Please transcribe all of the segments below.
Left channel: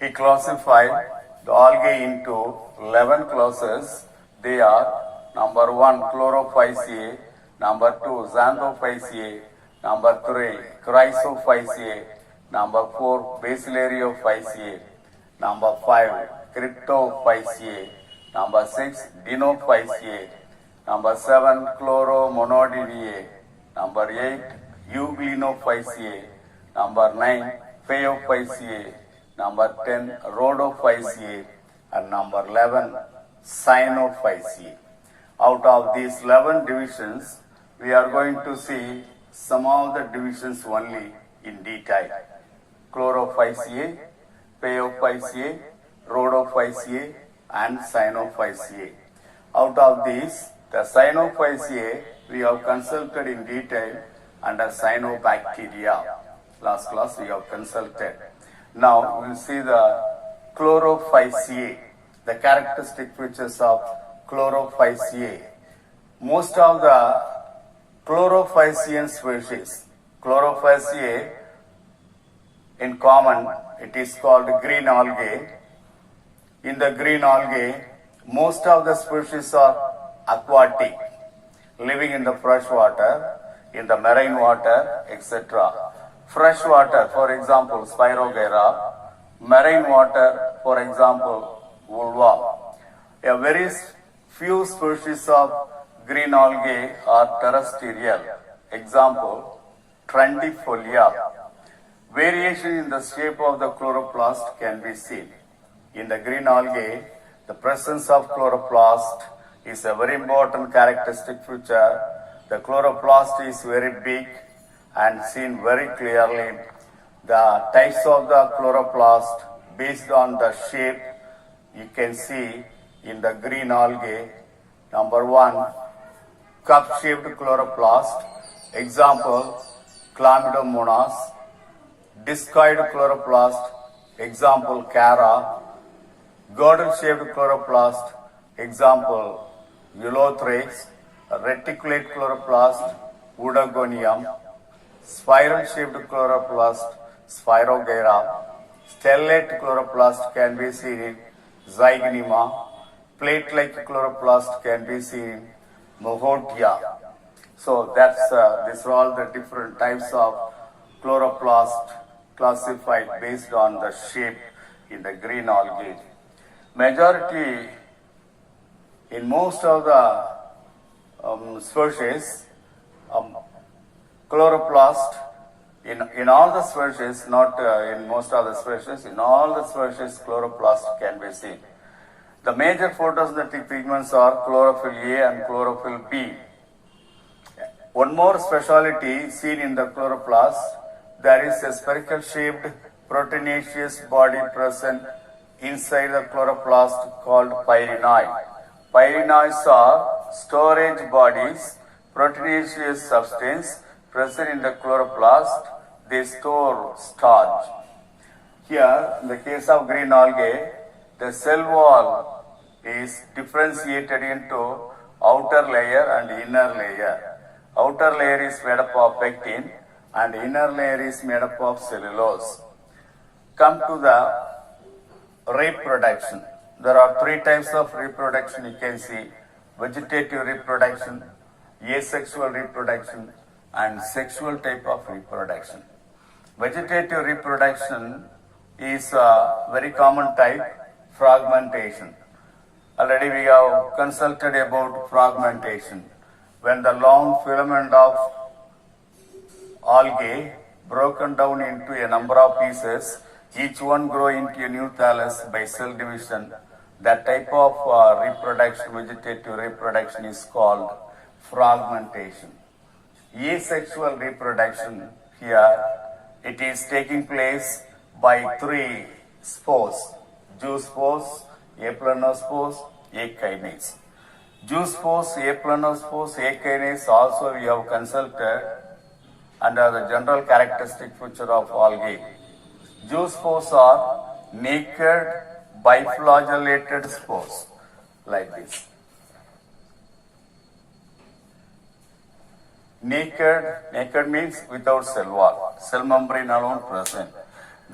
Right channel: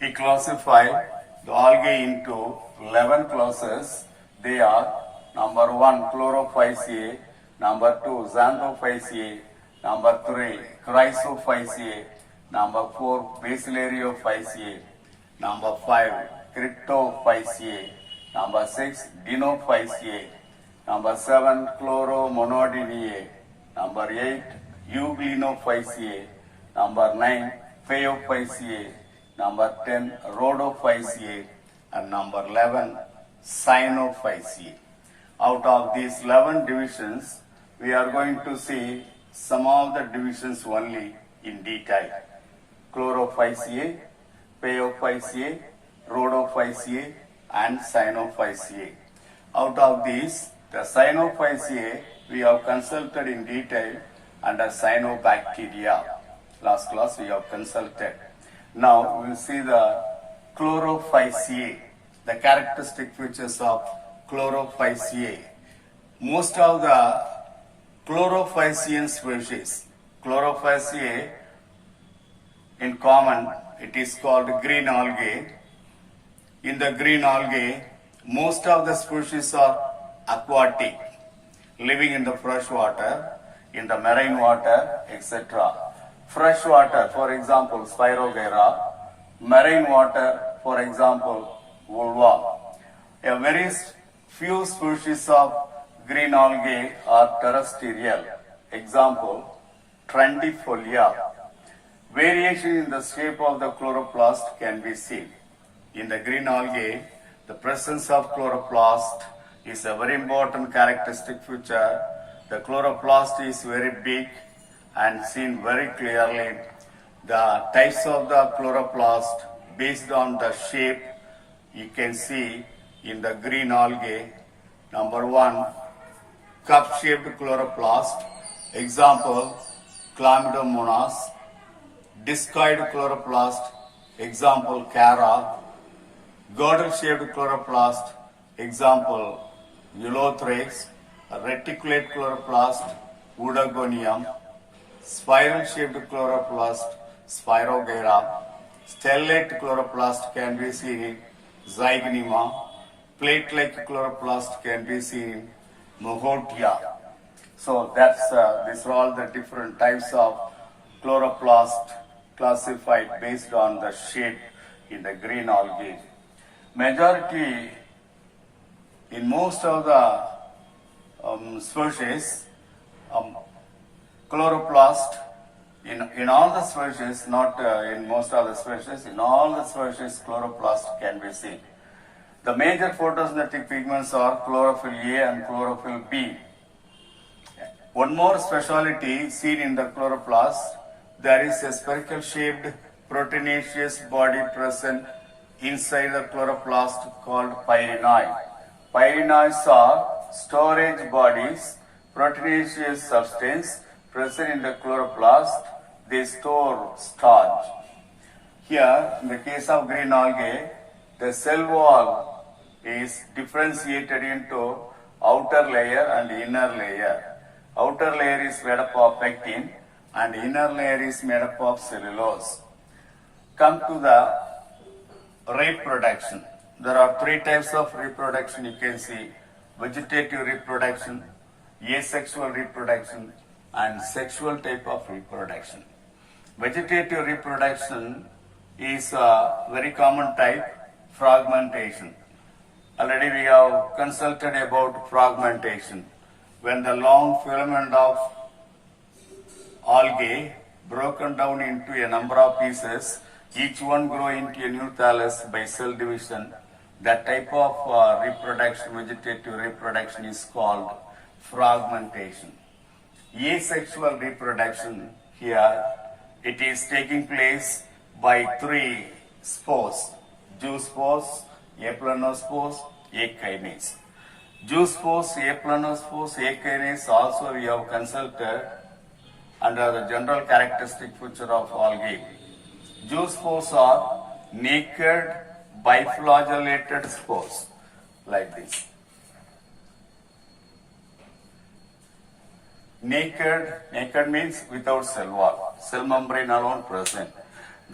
He classified the algae into 11 classes. They are number 1 chlorophyceae, number 2 xanthophyceae, number 3 chrysophyceae, number 4 basilarioophyceae, number 5 cryptophyceae, number 6 dinophyceae, number 7 chloromonodidae, number 8 euglenophyceae, number 9 phaeophyceae, number 10 rhodophyceae, and number 11 cyanophyceae. Out of these 11 divisions, we are going to see some of the divisions only in detail. Chlorophyceae, phaeophyceae, rhodophyceae, and cyanophyceae. Out of these, the cyanophyceae we have consulted in detail under cyanobacteria. Last class we have consulted. Now we will see the chlorophyceae, the characteristic features of chlorophyceae. Most of the chlorophycean species, chlorophyceae in common, it is called green algae. In the green algae, most of the species are aquatic, living in the fresh water, in the marine water, etc. Fresh water, for example, Spirogyra; marine water, for example, vulva. A very few species of green algae are terrestrial. Example, Trendifolia. Variation in the shape of the chloroplast can be seen. In the green algae, the presence of chloroplast is a very important characteristic feature. The chloroplast is very big and seen very clearly. The types of the chloroplast based on the shape you can see in the green algae. Number 1, cup-shaped chloroplast. Example, Chlamydomonas. Discoid chloroplast. Example, Cara. Girdle-shaped chloroplast. Example, Eulothrix. Reticulate chloroplast, Oedogonium. Spiral-shaped chloroplast, Spirogyra. Stellate chloroplast can be seen in Zygnema. Plate-like chloroplast can be seen in Mohotia. So these are all the different types of chloroplast classified based on the shape in the green algae. Majority in most of the species, chloroplast, in all the species, not in most of the species, in all the species chloroplast can be seen. The major photosynthetic pigments are chlorophyll A and chlorophyll B. One more speciality seen in the chloroplast, there is a spherical shaped proteinaceous body present inside the chloroplast called pyrenoi. Pyrenoids are storage bodies, proteinaceous substance present in the chloroplast. They store starch. Here, in the case of green algae, the cell wall is differentiated into outer layer and inner layer. Outer layer is made up of pectin and inner layer is made up of cellulose. Come to the reproduction. There are 3 types of reproduction you can see: vegetative reproduction, asexual reproduction, and sexual type of reproduction. Vegetative reproduction is a very common type, fragmentation. Already we have consulted about fragmentation. When the long filament of algae broken down into a number of pieces, each one grow into a new thallus by cell division. That type of reproduction, vegetative reproduction, is called fragmentation. Asexual reproduction, here it is taking place by 3 spores: zoospores, aplanospores, akinase. Zoospores, aplanospores, akinase also we have consulted under the general characteristic feature of algae. Zoospores are naked biflagellated spores like this. Naked means without cell wall, cell membrane alone present.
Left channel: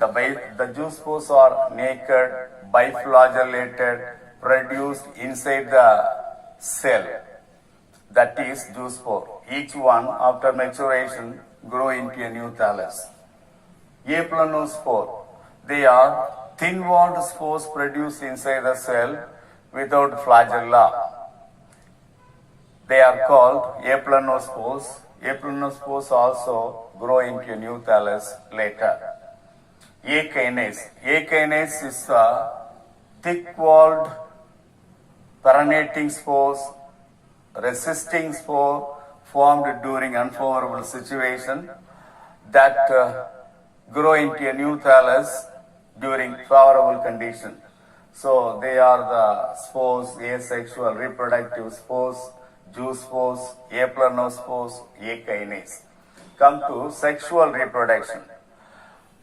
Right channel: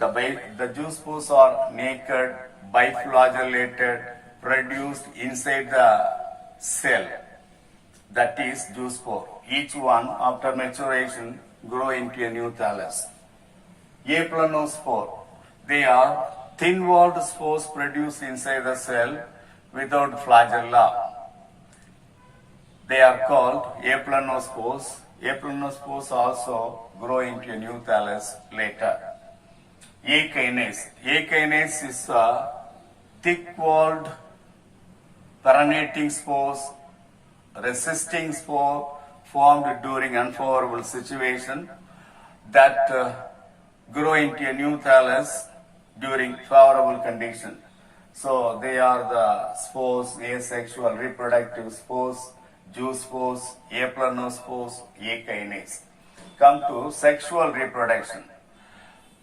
The zoospores are naked, biflagellated, produced inside the cell. That is zoospore. Each one, after maturation, grow into a new thallus. Aplanospore. They are thin-walled spores produced inside the cell without flagella. They are called aplanospores. Aplanospores also grow into a new thallus later. A kinase. A kinase is a thick-walled perinating spores, resisting spore formed during unfavorable situation that grow into a new thallus during favorable condition. So they are the spores, asexual reproductive spores, zoospores, aplanospores, A kinase. Come to sexual reproduction.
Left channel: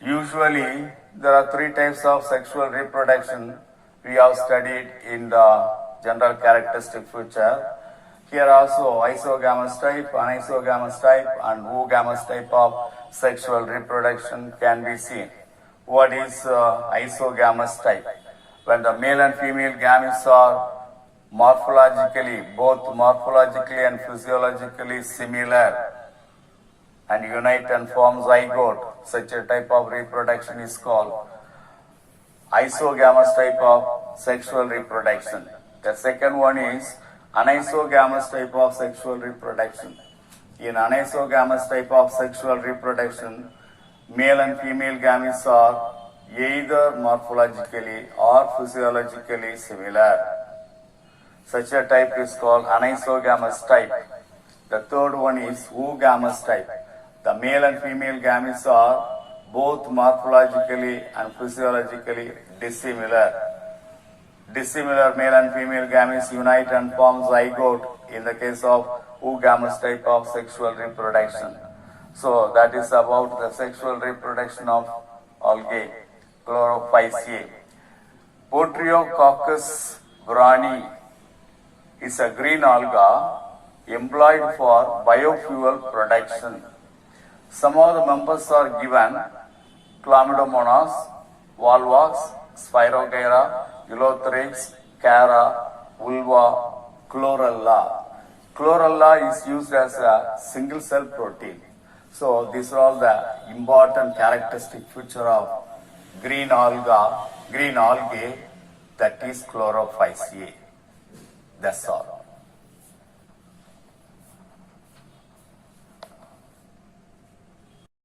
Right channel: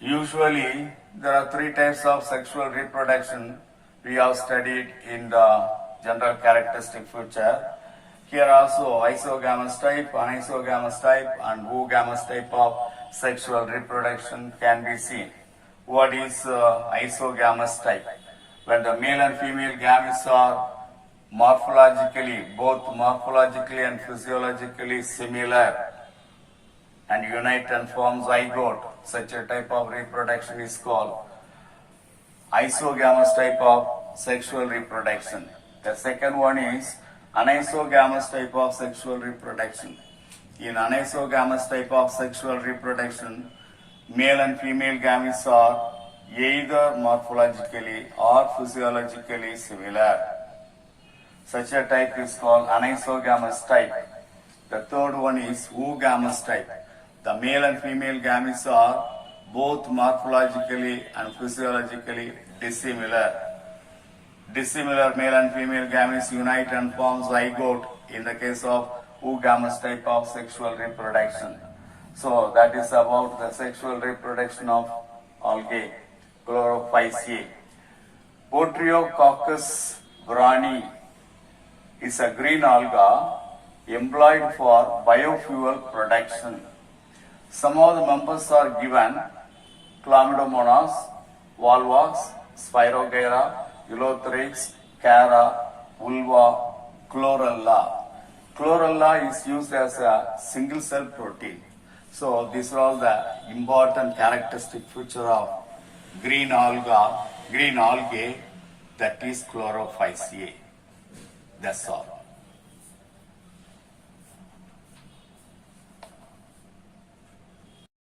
Usually there are three types of sexual reproduction we have studied in the general characteristic feature. Here also isogamous type, anisogamous type and oogamous type of sexual reproduction can be seen. What is isogamous type? When the male and female gametes are morphologically, both morphologically and physiologically similar and unite and form zygote, such a type of reproduction is called isogamous type of sexual reproduction. The second one is anisogamous type of sexual reproduction. In anisogamous type of sexual reproduction, male and female gametes are either morphologically or physiologically similar. Such a type is called anisogamous type. The third one is oogamous type. The male and female gametes are both morphologically and physiologically dissimilar. Dissimilar male and female gametes unite and form zygote in the case of oogamous type of sexual reproduction. So that is about the sexual reproduction of algae, chlorophyceae. Botryococcus brownie is a green alga employed for biofuel production. Some of the members are given Chlamydomonas, Volvox, Spirogyra, Ulothrix, Cara, Vulva, Chlorella. Chlorella is used as a single cell protein. So these are all the important characteristic feature of green algae, that is Chlorophyceae. That's all.